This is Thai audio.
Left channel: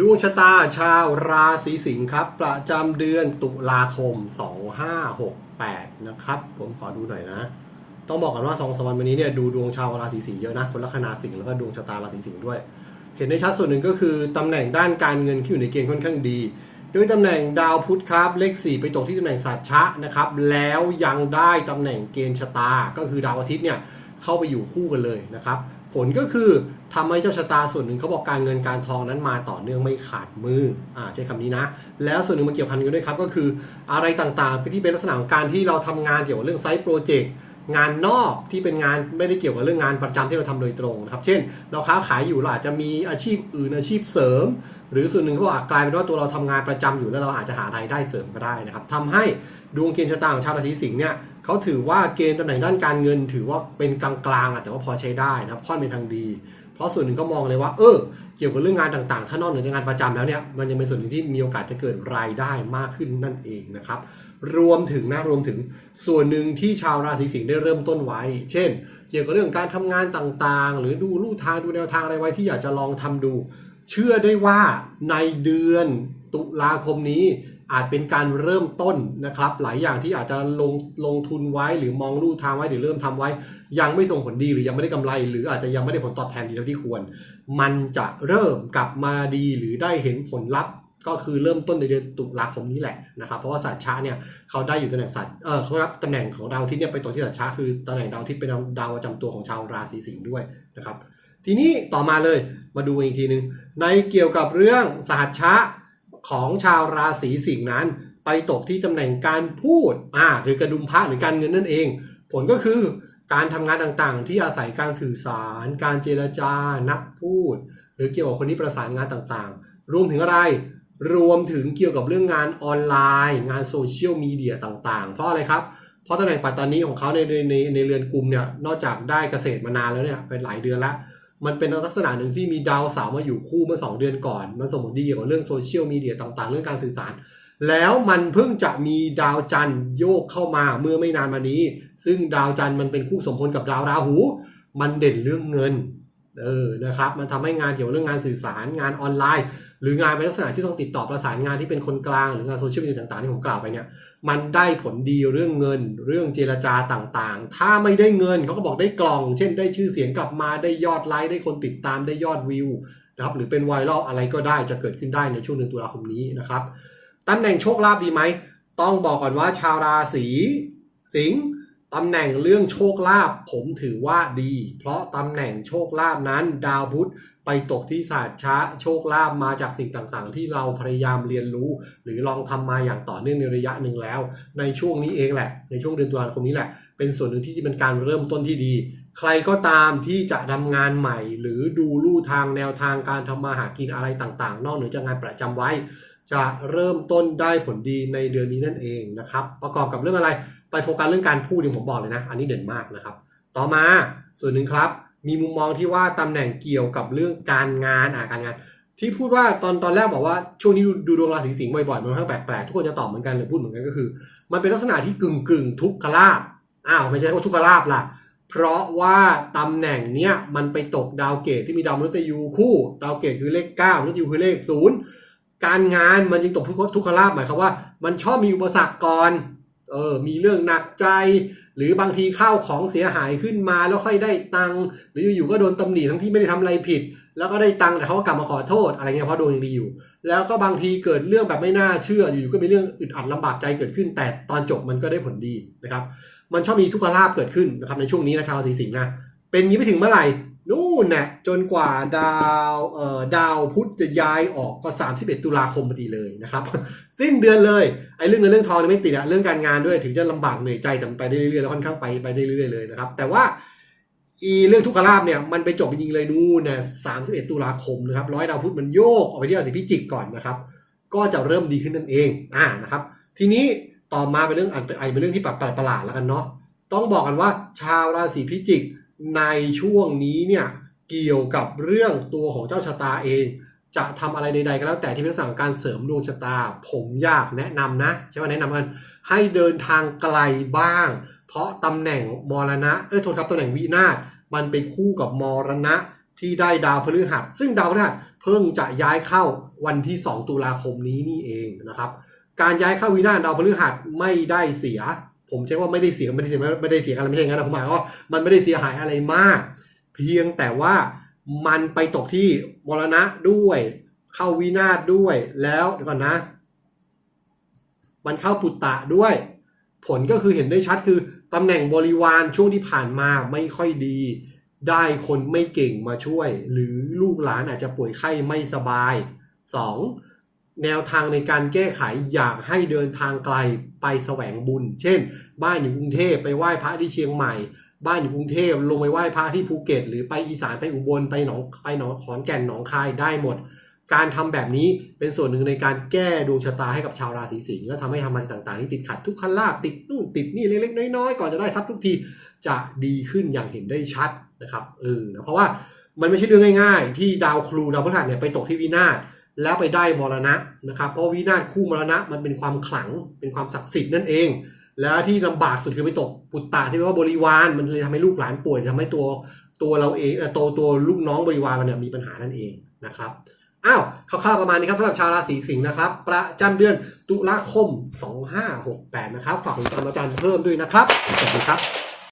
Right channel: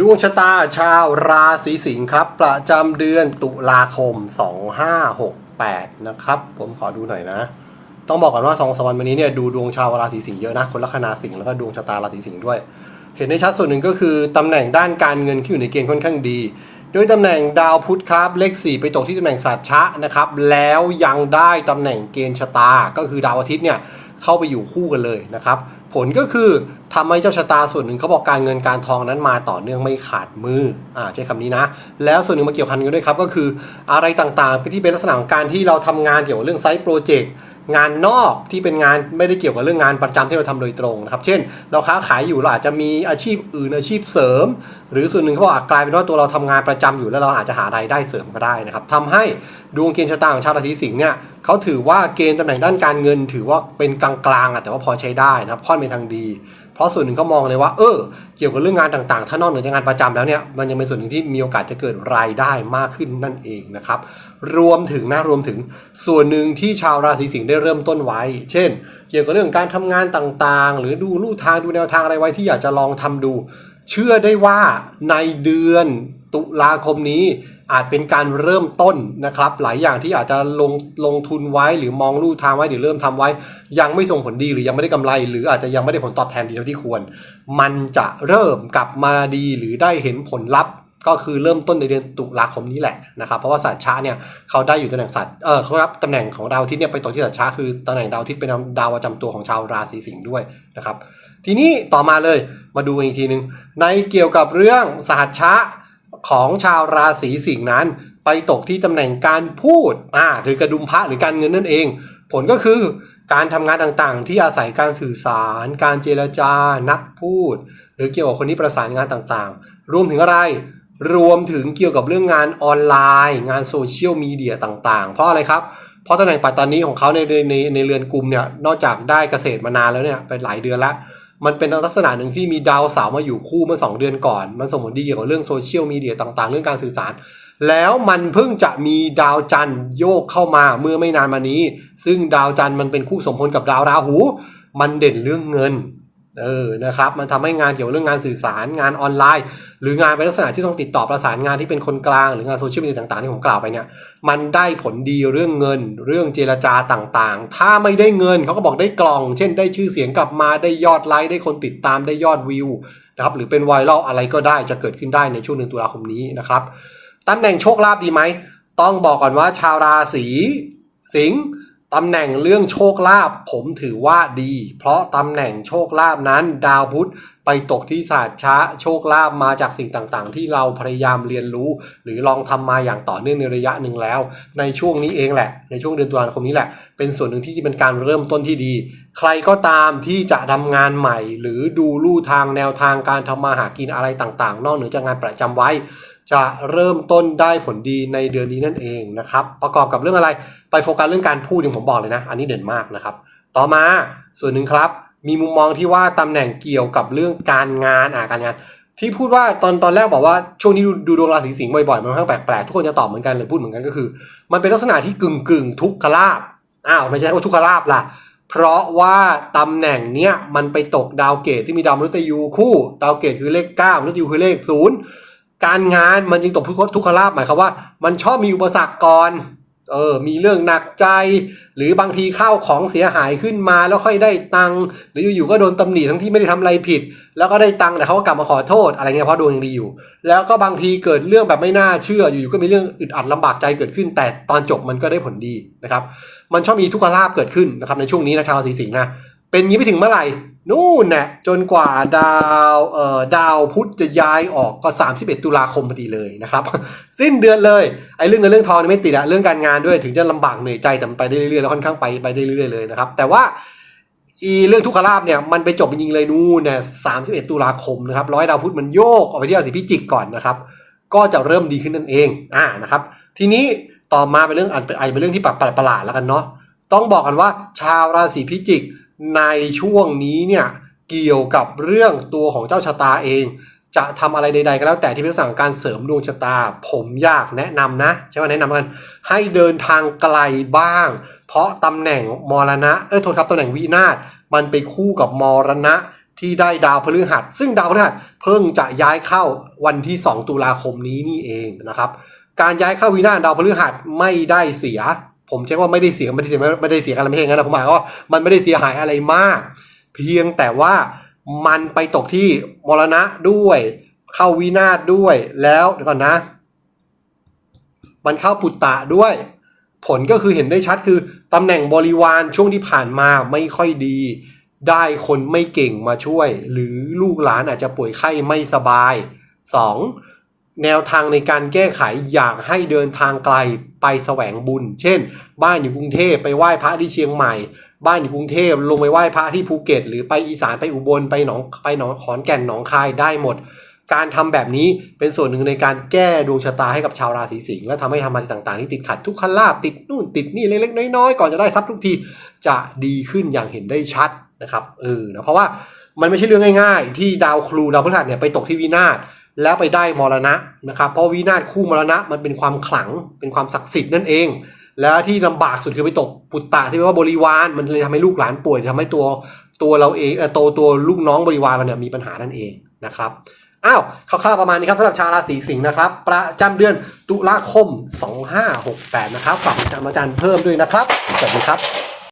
ดวงชะตาชาวราศีสิงห์ครับ ประจำเดือนตุลาคม 2568 นะครับ ผมขอดูหน่อยนะ ต้องบอกก่อนว่าสองสามวันวันนี้เนี่ยดูดวงชาวราศีสิงห์เยอะนะ คนลัคนาสิงห์แล้วก็ดวงชะตาราศีสิงห์ด้วย เห็นได้ชัดส่วนหนึ่งก็คือตำแหน่งด้านการเงินที่อยู่ในเกณฑ์ค่อนข้างดี ด้วยตำแหน่งดาวพุธครับ เลข 4 ไปตกที่ตำแหน่งสัตชะนะครับ แล้วยังได้ตำแหน่งเกณฑ์ชะตา ก็คือดาวอาทิตย์เนี่ยเข้าไปอยู่คู่กันเลยนะครับ ผลก็คือทำให้เจ้าชะตาส่วนหนึ่งเขาบอกการเงินการทองนั้นมาต่อเนื่องไม่ขาดมืออ่าใช้คำนี้นะ แล้วส่วนหนึ่งมาเกี่ยวพันกันด้วยครับก็คืออะไรต่างๆที่เป็นลักษณะของการที่เราทำงานเกี่ยวกับเรื่องไซต์โปรเจกต์ งานนอกที่เป็นงานไม่ได้เกี่ยวกับเรื่องงานประจำที่เราทำโดยตรงนะครับ เช่น เราค้าขายอยู่เราอาจจะมีอาชีพอื่นอาชีพเสริม หรือส่วนหนึ่งเขาบอกาจกลายเป็นว่าตัวเราทำงานประจำอยู่แล้วเราอาจจะหารายได้เสริมก็ได้นะครับทำให้ดวงเกณฑ์ชะตาของชาวราศีสิงห์เนี่ยเขาถือว่าเกณฑ์ตำแหน่งด้านการเงิน ถือว่าเป็นกลางๆอะแต่ว่าพอใช้ได้นะครับค่อนเป็นทางดี เพราะส่วนหนึ่งก็มองเลยว่า เออ เกี่ยวกับเรื่องงานต่างๆ ถ้านอกเหนือจากงานประจำแล้วเนี่ย มันยังเป็นส่วนหนึ่งที่มีโอกาสจะเกิดรายได้มากขึ้นนั่นเองนะครับ รวมถึงนะ รวมถึงส่วนหนึ่งที่ชาวราศีสิงห์ได้เริ่มต้นไว้ เช่น เกี่ยวกับเรื่องการทำงานต่างๆ หรือดูลู่ทางดูแนวทางอะไรไว้ที่อยากจะลองทำดู เชื่อได้ว่าในเดือนตุลาคมนี้ อาจเป็นการเริ่มต้นนะครับ หลายอย่างที่อาจจะลงลงทุนไว้หรือมองลู่ทางไว้หรือเริ่มทำไว้ ยังไม่ส่งผลดีหรือยังไม่ได้กำไร หรืออาจจะยังไม่ได้ผลตอบแทนดีเท่าที่ควร มันจะเริ่มกลับมาดีหรือได้เห็นผลลัพธ์ ก็คือเริ่มต้นในเดือนตุลาคมนี้แหละนะครับเพราะว่าสัตว์ช้าเนี่ยเขาได้อยู่ตำแหน่งสัตว์เออเขารับตำแหน่งของดาวอาทิตย์เนี่ยไปตกที่สัตว์ช้าคือตำแหน่งดาวอาทิตย์เป็นดาวประจำตัวของชาวราศีสิงห์ด้วยนะครับ ทีนี้ต่อมาเลยมาดูอีกทีหนึ่งในเกี่ยวกับเรื่องสหัชชะ ของชาวราศีสิงห์นั้น ไปตกที่ตำแหน่งการพูดอ่าหรือกระดุมพระหรือการเงินนั่นเอง ผลก็คือการทำงานต่างๆ ที่อาศัยการสื่อสาร การเจรจา นักพูด หรือเกี่ยวกับคนที่ประสานงานต่างๆ รวมถึงอะไร รวมถึงเกี่ยวกับเรื่องงานออนไลน์ งานโซเชียลมีเดียต่างๆ เพราะอะไรครับ เพราะตำแหน่งปัตตานีของเขาในในในเรือนกลุ่มเนี่ย นอกจากได้เกษตรมานานแล้วเนี่ยเป็นหลายเดือนแล้ว มันเป็นลักษณะหนึ่งที่มีดาวเสาร์มาอยู่คู่เมื่อ 2 เดือนก่อน มันส่งผลดีเกี่ยวกับเรื่องโซเชียลมีเดียต่างๆ เรื่องการสื่อสาร แล้วมันเพิ่งจะมีดาวจันทร์โยกเข้ามาเมื่อไม่นานมานี้ ซึ่งดาวจันทร์มันเป็นคู่สมพลกับดาวราหู มันเด่นเรื่องเงินเออนะครับมันทำให้งานเกี่ยวกับเรื่องงานสื่อสารงานออนไลน์ หรืองานเป็นลักษณะที่ต้องติดต่อประสานงานที่เป็นคนกลางหรืองานโซเชียลมีเดียต่างๆที่ผมกล่าวไปเนี่ย มันได้ผลดีเรื่องเงิน เรื่องเจรจาต่างๆ ถ้าไม่ได้เงินเขาก็บอกได้กล่อง เช่นได้ชื่อเสียงกลับมาได้ยอดไลค์ได้คนติดตามได้ยอดวิวนะครับหรือเป็นไวรัลอะไรก็ได้จะเกิดขึ้นได้ในช่วงเดือนตุลาคมนี้นะครับตำแหน่งโชคลาภดีไหม ต้องบอกก่อนว่าชาวราศีสิงห์ ตำแหน่งเรื่องโชคลาภผมถือว่าดี เพราะตำแหน่งโชคลาภนั้น ดาวพุธไปตกที่ศาสตร์ช้าโชคลาภมาจากสิ่งต่างๆ ที่เราพยายามเรียนรู้ หรือลองทำมาอย่างต่อเนื่องในระยะหนึ่งแล้ว ในช่วงนี้เองแหละ ในช่วงเดือนตุลาคมนี้แหละ เป็นส่วนหนึ่งที่เป็นการเริ่มต้นที่ดี ใครก็ตามที่จะทำงานใหม่ หรือดูลู่ทางแนวทางการทำมาหากินอะไรต่างๆ นอกเหนือจากงานประจำไว้ จะเริ่มต้นได้ผลดีในเดือนนี้นั่นเองนะครับประกอบกับเรื่องอะไร ไปโฟกัสเรื่องการพูดอย่างผมบอกเลยนะ อันนี้เด่นมากนะครับ ต่อมาส่วนหนึ่งครับ มีมุมมองที่ว่าตำแหน่งเกี่ยวกับเรื่องการงานอ่าการงาน ที่พูดว่าตอนตอนแรกบอกว่าช่วงนี้ดูดวงราศีสิงห์บ่อยๆมันค่อนข้างแปลกๆทุกคนจะตอบเหมือนกันหรือพูดเหมือนกันก็คือ มันเป็นลักษณะที่กึ่งกึ่งทุกขลาบอ้าวไม่ใช่ว่าทุกขลาบล่ะเพราะว่าตำแหน่งเนี้ยมันไปตกดาวเกตที่มีดาวมฤตยูคู่ ดาวเกตคือเลข9มฤตยูคือเลขศูนย์การงานมันจึงตกทุกทุกขลาบหมายความว่า มันชอบมีอุปสรรคก่อน เออมีเรื่องหนักใจ หรือบางทีข้าวของเสียหายขึ้นมาแล้วค่อยได้ตังค์หรืออยู่ๆก็โดนตำหนิทั้งที่ไม่ได้ทำอะไรผิด แล้วก็ได้ตังค์แต่เขาก็กลับมาขอโทษอะไรเงี้ยเพราะดวงยังดีอยู่ แล้วก็บางทีเกิดเรื่องแบบไม่น่าเชื่ออยู่ๆก็มีเรื่องอึดอัดลำบากใจเกิดขึ้น แต่ตอนจบมันก็ได้ผลดีนะครับมันชอบมีทุกขลาบเกิดขึ้นนะครับในช่วงนี้นะชาวราศีสิงห์นะเป็นยี้ไปถึงเมื่อไหร่ นู่นน่ะจนกว่าดาวเอ่อดาวพุธจะย้ายออกก็ 31 ตุลาคมพอดีเลยนะครับ สิ้นเดือนเลยไอ้เรื่องเงินเรื่องทองไม่ติดอะเรื่องการงานด้วยถึงจะลำบากเหนื่อยใจแต่มันไปได้เรื่อยๆแล้วค่อนข้างไปไปได้เรื่อยๆเลยนะครับ แต่ว่าอีเรื่องทุกขลาบเนี่ยมันไปจบจริงๆเลยนู่นเนี่ย31 ตุลาคมนะครับร้อยดาวพุธมันโยกออกไปที่ราศีพิจิกก่อนนะครับ ก็จะเริ่มดีขึ้นนั่นเองอ่านะครับ ทีนี้ต่อมาเป็นเรื่องอาจจะเป็นเรื่องที่แปลกประหลาดแล้วกันเนาะต้องบอกกันว่าชาวราศีพิจิก ในช่วงนี้เนี่ยเกี่ยวกับเรื่องตัวของเจ้าชะตาเอง จะทำอะไรใดๆก็แล้วแต่ที่เป็นลักษณะของการเสริมดวงชะตา ผมอยากแนะนำนะใช่ไหมแนะนำกันให้เดินทางไกลบ้าง เพราะตำแหน่งมรณะเอ้ยโทษครับตำแหน่งวินาศมันไปคู่กับมรณะที่ได้ดาวพฤหัส ซึ่งดาวพฤหัสเพิ่งจะย้ายเข้าวันที่ 2 ตุลาคมนี้นี่เองนะครับ การย้ายเข้าวินาศดาวพฤหัสไม่ได้เสีย ผมใช้ว่าไม่ได้เสียไม่ได้เสียไม่ได้เสียกันไม่ใช่งั้นนะผมหมายว่ามันไม่ได้เสียหายอะไรมาก เพียงแต่ว่ามันไปตกที่มรณะด้วย เข้าวินาศด้วยแล้วเดี๋ยวก่อนนะ มันเข้าปุตตะด้วย ผลก็คือเห็นได้ชัดคือตำแหน่งบริวารช่วงที่ผ่านมาไม่ค่อยดี ได้คนไม่เก่งมาช่วย หรือลูกหลานอาจจะป่วยไข้ไม่สบาย 2. แนวทางในการแก้ไขอยากให้เดินทางไกลไปแสวงบุญ เช่น บ้านอยู่กรุงเทพไปไหว้พระที่เชียงใหม่ บ้านอยู่กรุงเทพลงไปไหว้พระที่ภูเก็ต หรือไปอีสานไปอุบลไปหนองไปหนองขอนแก่นหนองคายได้หมด การทำแบบนี้เป็นส่วนหนึ่งในการแก้ดวงชะตาให้กับชาวราศีสิงห์และทำให้ทำอะไรต่างๆที่ติดขัดทุกขลาบติดนู่นติดนี่เล็กๆน้อยๆก่อนจะได้ทรัพย์ทุกทีจะดีขึ้นอย่างเห็นได้ชัดนะครับเออนะเพราะว่ามันไม่ใช่เรื่องง่าย ๆ ที่ดาวครูดาวพฤหัสเนี่ยไปตกที่วินาศ แล้วไปได้มรณะนะครับ เพราะวินาศคู่มรณะมันเป็นความขลังเป็นความศักดิ์สิทธิ์นั่นเอง แล้วที่ลำบากสุดคือไปตกปุตตะที่แปลว่าบริวารมันเลยทำให้ลูกหลานป่วยทำให้ตัวตัวเราเองเอ่อตัวตัวลูกน้องบริวารเราเนี่ยมีปัญหานั่นเองนะครับอ้าวคร่าวๆประมาณนี้ครับสำหรับชาวราศีสิงห์นะครับ ประจำเดือนตุลาคม 2568 นะครับฝากติดตามอาจารย์เพิ่มด้วยนะครับสวัสดีครับ